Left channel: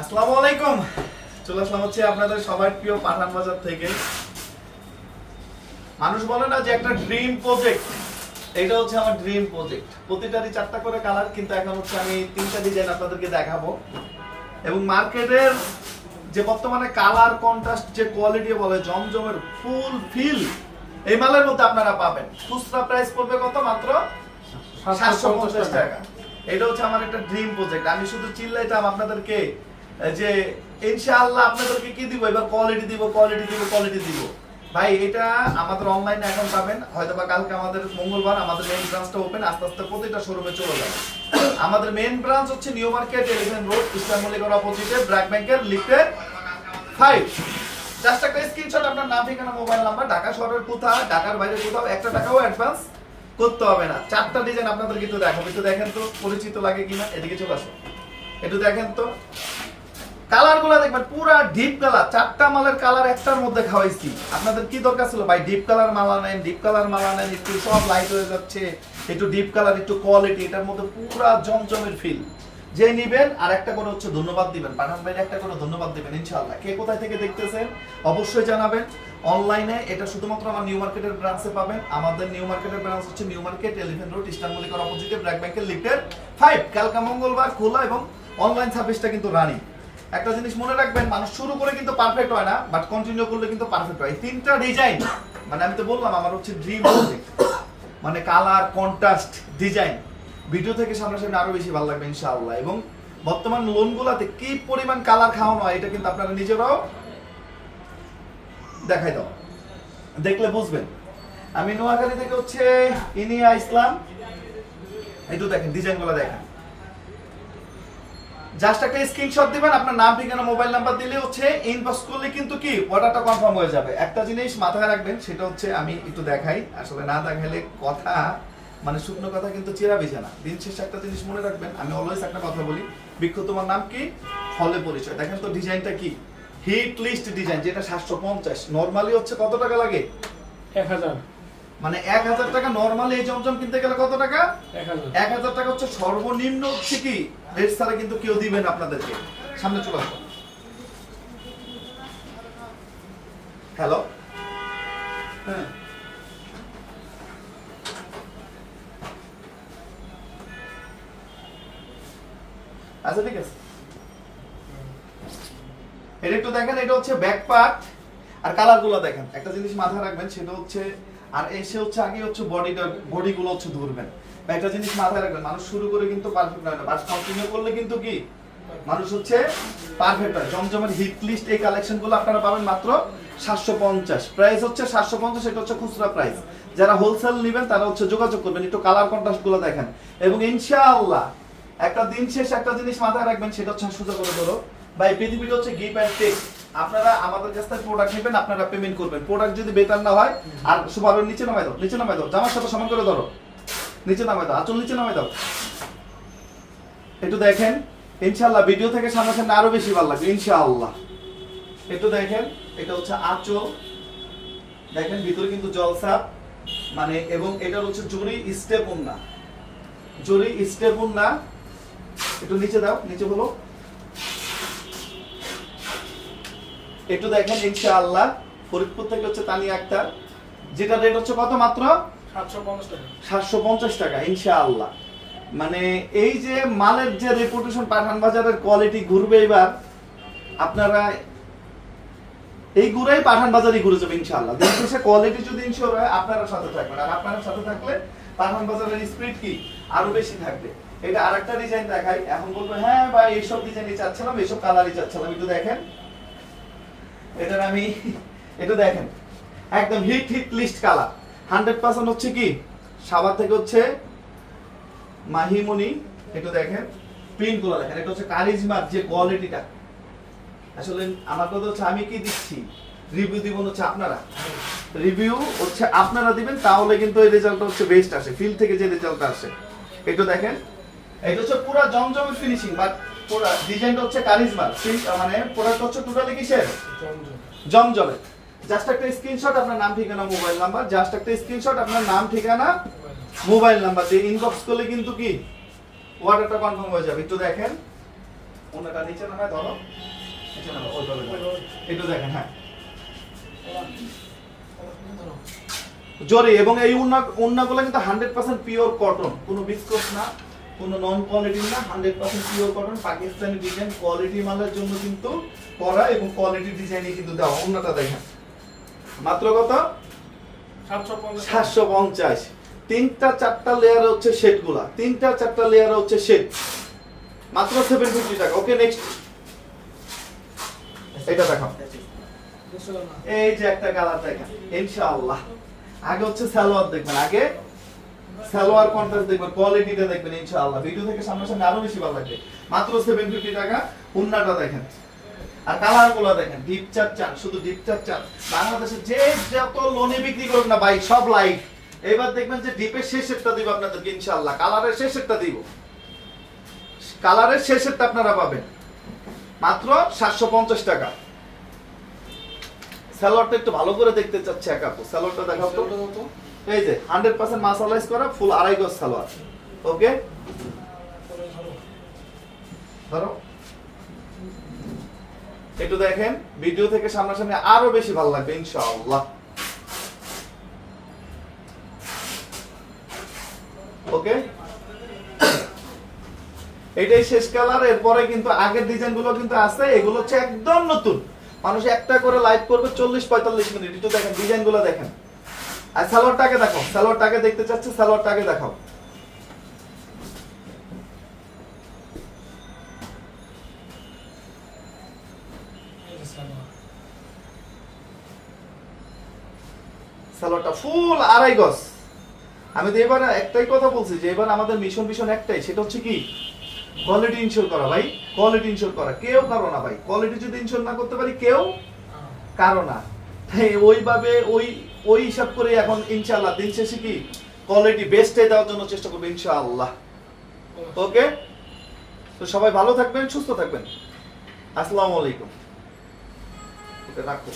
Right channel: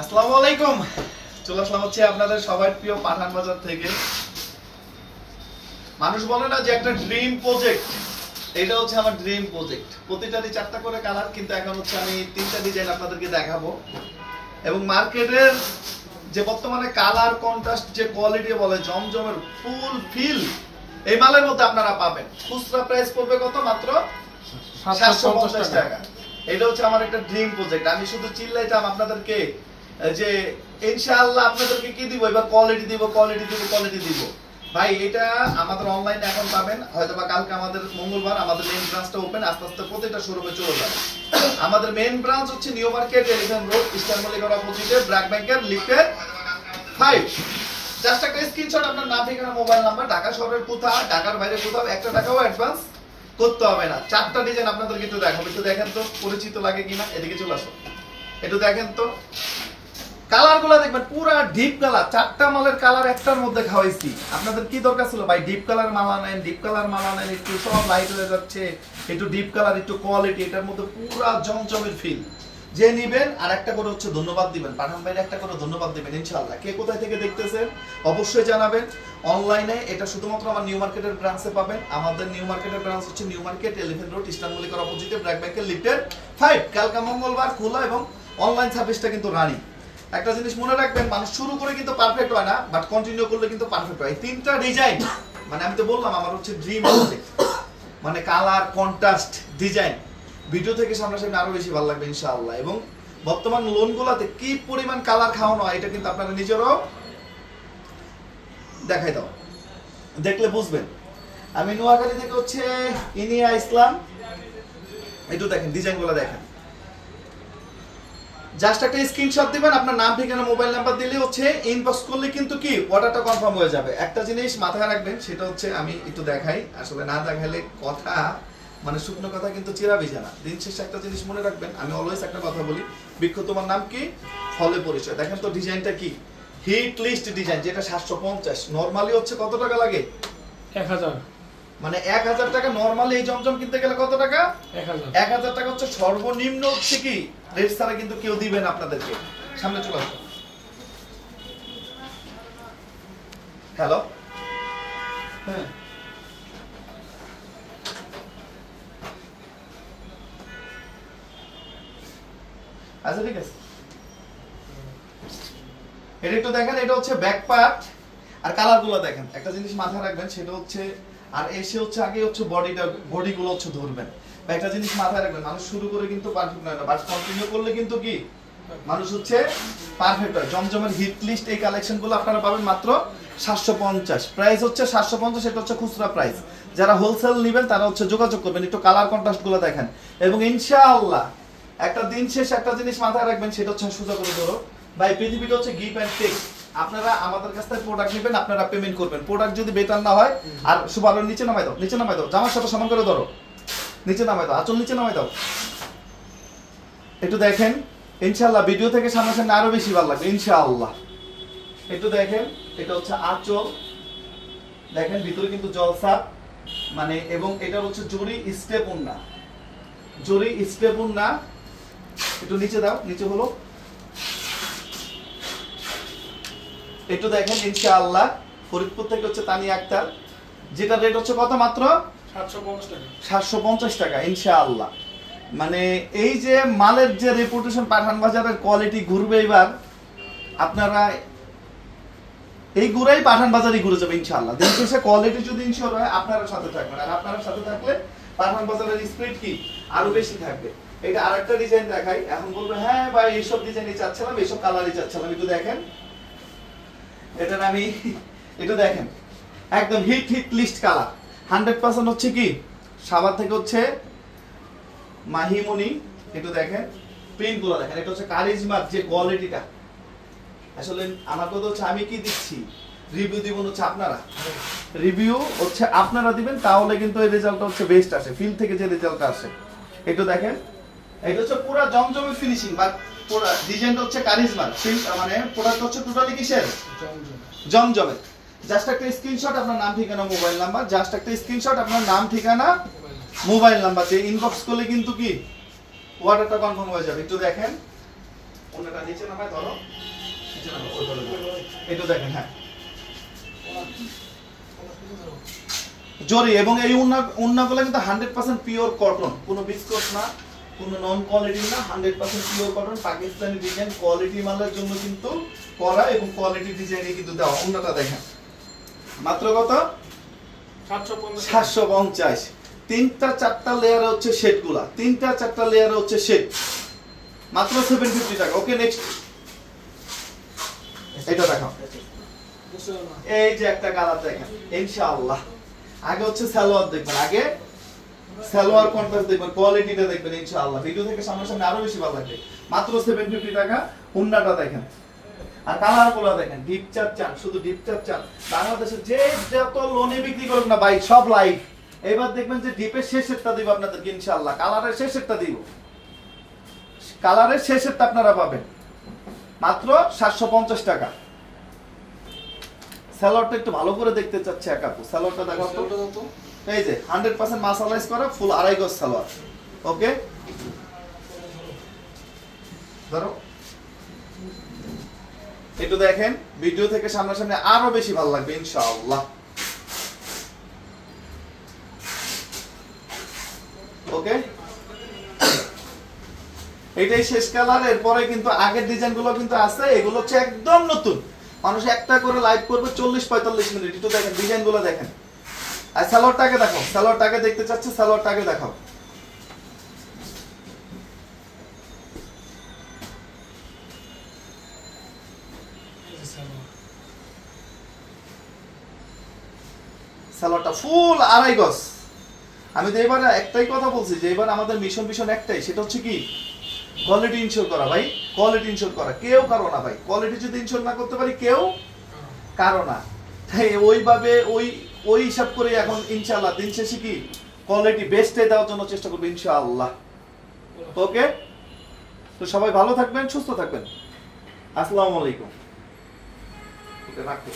আসসালামু আলাইকুম। চলে আসলাম হচ্ছে আপনাদের সবার প্রিয় পাঠান বাজার থেকে। মানুষ বলে না যে একটা ড্রিম প্রজেক্ট, এটা হচ্ছে আমার ড্রিম প্রজেক্ট। প্রতিটারই 4টা করে কালার, কিন্তু এখন হচ্ছে আমি 3টা ডিজাইন আপনাদেরকে দেখাবো। এবং মার্কেটের যে বর্তমানে কালার কন্ট্রাস্ট যে কোয়ালিটি বলে জমজমের ফুল ফিল, এই মালের মধ্যে আপনারা পাবেন। খুচরা প্রাইস পড়বে কত? মাত্র 750 টাকা। এটা হচ্ছে আমার একটা ড্রিম প্রজেক্ট। আমি শুধু চিল্লাইতাম আপনাদেরকে যে ইনশাআল্লাহ আপনাদেরকে কি দিব, এবার কোয়ালিটি দিব, কোয়ালিটি দিব, কোয়ালিটি দিব। ভাই এটা আমাদের অনলাইনে এখন পাবেন, হয়তোবা কালকে আমাদের মঙ্গলবার আমাদের মেইন ব্রাঞ্চটা ওপেন, আস্তে আস্তে প্রতিটা শোরুমে চলে যাবে। আমাদের মেইন ব্রাঞ্চ হচ্ছে নিউ মার্কেট 11 রোড, ইস্টার্ন মল্লিকার অপোজিটে, ব্র্যাক ব্যাংকের লিফটের 5। জাস্ট একটা স্ক্রিনশট, আপনার নাম, ঠিকানা, মোবাইল নাম্বার, ঢাকা শহরের কোথাও, ঢাকার বাইরে কোথাও 1 টাকাও অ্যাডভান্স করতে হবে না। 4টা ডিজাইন আপনাদেরকে একটু দেখাবো, একটু দেখেন তো পরিচিত লাগে কিনা। এদিকে চলে আসো, একটু দেখেন তো কালারগুলো দেখবেন, পুরা ডিপ কালার। 4টা মালের কালার একটার মধ্যে খাওয়াইছি। আপনাদের কি দরকার ছিল ভাই? ডিপ কালার মালা নেন, ডিপ কালার মালা নেন, একটু সব লাইট হয়ে যাচ্ছে, একটু ডিপ কালার, একটু কোয়ালিটি, এটার মধ্যে পুরা জমজমের ফিল। যে নিবেন আর একটা করে হচ্ছে ধন্যবাদ দিবেন, পাঠান ভাইয়ের একটা করে ধন্যবাদ দিবেন ইনশাআল্লাহ। কে কোথায় থেকে দেখতেছেন অবশ্যই জানাবেন। অনলাইনে এটা শুধুমাত্র আমার নিউ মার্কেটের ব্রাঞ্চে পাবেন। আমাদের নিউ মার্কেটের ব্রাঞ্চ হচ্ছে নিউ মার্কেট 11 রোড, ইস্টার্ন মল্লিকার অপোজিটে, ব্র্যাক ব্যাংকের লিফটের 5। কালকা মঙ্গলবার খোলা এবং অনলাইন সার্ভিসটা কিন্তু রানিং। একটা জিনিস মনে রাখবেন, মানুষ শুরু করে কিন্তু পারফেক্ট হয় না, বাট কন্টিনিউ করলে কিন্তু পারফেক্ট হয়। 3টা ডিজাইন, মানে আমি তো বললাম আমার হচ্ছে ড্রিম প্রজেক্ট, মানে কালার কন্ট্রাস্ট ডিজাইন। ভিডিও থেকে সামনাসামনি আরো বেশি ভালো লাগবে ইনশাআল্লাহ। এবং বর্তমান লোনগুলোতে কি পরিমাণ কালার খাওয়ানো হয় এটা কিন্তু আপনারা নিজেরাও দেখাই দাও, দেখলে বুঝবেন। আমি নোয়াখালী থেকে হচ্ছে ইনিয়া ইসলাম। একটু দেখেন ডিজাইনগুলো দেখেন। জাস্ট একটা স্ক্রিনশট দিবেন, আপনার নাম, ঠিকানা, মোবাইল নাম্বার দিলে হচ্ছে ইনবক্স করলে কিন্তু কি অর্ডারটা কনফার্ম হয়ে যাবে। একটা জিনিস মাথায় রাখবেন, সেটা হচ্ছে আমি একটু দেখাই, আসলে না দেখাইলে কথা মানে শুকনো কথা কিন্তু চিরা ভিজে না। দিন শেষে একটা জিনিস মনে রাখবেন, আমি অলওয়েজ একটা কথা বলি, বৃক্ষ তোমার নাম কি, ফলে পরিচয়। দেখেন তো ডিজাইনটা কি, হিট লিস্ট ডিজাইন, যেটা 750। নরমালি হচ্ছে কত টাকা লাগে? 1000। মানে 1000 টাকা নরমালি এই জমজম কিনতে গেলে কত টাকা? 1000 টাকা হচ্ছে সর্বনিম্ন। হচ্ছে কি রেট ছাড়া কিন্তু কেউ দিবেন আপনাদেরকে। সামনে চলে আসো। হ্যালো, হ্যাঁ আচ্ছা ঠিক আছে। এটা একটু দেখেন, এটা হচ্ছে ব্যাক পার্ট আর কালারগুলো দেখেন। একটা জিনিস মাথায় রাখবেন, সেটা হচ্ছে আর এসে হচ্ছে আগে হচ্ছে বডিগুলো হচ্ছে ধরবেন। বা একটা জিনিস মাথায় রাখবেন, মানুষ শুরু করে কিন্তু পারফেক্ট হয় না, বাট কন্টিনিউ করলে কিন্তু কি মানুষ হচ্ছে পারফেক্ট হয়। জমজমের হিট লিস্ট এই কালেকশনগুলো আপনারা পাবেন মাত্র 750। প্রাইস হচ্ছে 750, এটা হচ্ছে খুচরা প্রাইস। যারা হোলসেল নেবেন তারা হচ্ছে যোগাযোগ করবেন। একটু কালার কন্ট্রাস্ট গুলো দেখেন। এবং ইনশাআল্লাহ একটা দিন শেষে একটা জিনিস মাথায় রাখবেন, সেটা হচ্ছে সোজা করে ধরো ভাই, পৃথিবীটা হচ্ছে গিভ এন্ড টেক। আপনারা আমাদের কাছ থেকে প্রোডাক্ট নেবেন, আপনারা পেমেন্ট করবেন। প্রোডাক্ট যদি বেটার না হয়, আর সুবারো নিচে নামাই দাও, নিচে নামাই দাও, জামার সাথে সমান করে ধরো, নিচে নামাই দাও, আঁচল নিচে নামাই দাও। একটু দেখেন ইনশাআল্লাহ, ভিডিও থেকে সামনাসামনি আরো বেশি ভালো লাগবে ইনশাআল্লাহ। একটু দেখেন, এটা হচ্ছে আঁচল, দেখেন ভিতরে কিন্তু জলসা, মানে এবং এটা হচ্ছে জরি স্টেপ ওন্না, জরি স্টেপ ওন্না। একটু নিচে দাও, নিচে হলো একটু দেখেন ইনশাআল্লাহ। ফরিদপুর থেকে হচ্ছে তানিয়া আক্তার, যেটা রেট হচ্ছে কত? মাত্র 750 টাকা। 750 টাকা ইনশাআল্লাহ। মানে এই যে মালের যে রেপুটেশন, পাঠান বাজারের কোয়ালিটি ঘুরবে এবার আপনারা, এই ঘুরাই পাঠান বাজারই ঘুরে যাবে ইনশাআল্লাহ। দিন শেষে কোয়ালিটি যদি ইনশিওর হয়, আপনারা সাথে থাকবেন, আর আপনারা সাথে থাকলে পাঠান বাজারের স্পিড কি আরো বেশি থাকবে। এটা আরেকটা ডিজাইন দেখাই। এখন বলবে হ্যাঁ ভাই এইসব ডিজাইনই চাচ্ছিলাম, এইসব কালারই চাচ্ছিলাম। একটু দেখেন, এটার আমি একটু দেখেন, একদম হিট লিস্ট কালার 100% হচ্ছে কি সাবার থেকে হচ্ছে মাহিমনি। একটু দেখেন প্রিন্ট গুলো দেখেন, এটা হচ্ছে কারিজমার যে কোয়ালিটিটা। আসলে আমার কথা হচ্ছে আমি কি দিচ্ছি, রিভিউ দিব হচ্ছে আপনারা, রিভিউ হচ্ছে আপনারা দিবেন, তাহলে কিন্তু এই রেজাল্টটা হচ্ছে বেস্ট আসে, ফিল থেকে যে রেজাল্টটা আসে। একটু দেখেন, এটা হচ্ছে পুরো জমজমের ফিনিশিং, বাট পুরো ডিজাইনটা হচ্ছে কারিজমার, মানে প্রোডাক্ট হচ্ছে টোটালি কিসের? জমজমের। জাস্ট একটা স্ক্রিনশট, আপনার নাম, ঠিকানা, মোবাইল নাম্বার, জাস্ট একটা স্ক্রিনশট, আপনার নাম, ঠিকানা, মোবাইল নাম্বার দিয়ে ইনবক্স করলে কিন্তু কি অর্ডারটা কনফার্ম হয়ে যাবে। একটু দেখেন ওনাটা নিচে নামায় ধরো, নিচে নামাও, ওই ধরো। একটু দেখেন, হ্যাঁ জরি, এবং এই উন্নাগুলো কিন্তু 100% পিওর কটন, কোনো বিস্কট না, কোনো নন কোয়ালিটি না, 100% pure cotton, Pakistani design, quality মালের জন্য কিন্তু করা এবং কোয়ালিটি ডিজাইনে কিন্তু দেওয়া। উন্নাটা দেখেন মাত্র কত? 750। তিনটা চারটা লেয়ার হচ্ছে শেডগুলা, তিনটা চারটা লেয়ার হচ্ছে শেড, মাত্র 750 টাকা। ওকে নেক্সট এটা দেখাও। এই যে একটা কালার দেখেন ইনশাআল্লাহ। আগে হচ্ছে সালোয়ার দেখবেন, আগে সালোয়ার কন্ট্রাস্ট দেখবেন, কোয়ালিটিটা দেখবেন ইনশাআল্লাহ। ভিডিও থেকে সামনাসামনি আরো বেশি ভালো লাগবে। মাত্র 750 টাকা। উন্নাটা দেখেন আর কালারগুলো দেখেন, ডিপ চাপ চান, শুধু ডিপ চাপ চান। বাংলাদেশে যে যত লোনে বিক্রি করবেন না ভাই সব লাইভ। এবার দেখবেন যে ডিপের শেষেরটা দিব আপনাদেরকে ইনশাআল্লাহ, কালারের শেষেরটা দিব, কালারের শেষেরটা আপনারা পাবেন মাত্র 750 টাকা। সালোয়ারটা একটু ভালো করে দেখতে চাচ্ছে এক আপু, সালোয়ারটা দেখাও তো। এই যে 100% মাসালাইজ করা ফুল আড়াই গজ সালোয়ার। ওকে ধরো, একটু দেখেন ভিডিও থেকে সামনাসামনি আরো বেশি ভালো লাগবে ইনশাআল্লাহ। ওকে এটাই শেষ কালার। এরপরে কিন্তু আগের ডিজাইন গুলো কিন্তু আছে, এগুলো হচ্ছে একদম নতুন। মানুষ একটা করে লাইভ করবে 40-45 মিনিট। একটু দেখেন ডিজাইন গুলো দেখেন। আর সালোয়ারটাকে দেখো, সালোয়ারটাকে দেখতে চাচ্ছে, সালোয়ারটাকে দেখাও। সালোয়ারটা ফুল আড়াই গজ। আমি তো এবার একটাই কথা বলছি যে এবার আমাদের মিশন একটাই, সেটা হচ্ছে কি কোয়ালিটি ইনশিওর করা ভাই, কোয়ালিটি ইনশিওর করা। কেউ কারো না ভাই, কোয়ালিটি যদি ইনশিওর না করতে পারি কেউ কারো না। তাই ওইভাবে ওই হিসাব করে এখন ইনশাআল্লাহ দিন শেষে কি কোয়ালিটি বেস্টে দেওয়ার জন্য চেষ্টা করব ইনশাআল্লাহ। ওকে তো সবাই ভালো থাকবেন, সুস্থ থাকবেন। আসসালামু আলাইকুম। এটা রাখো।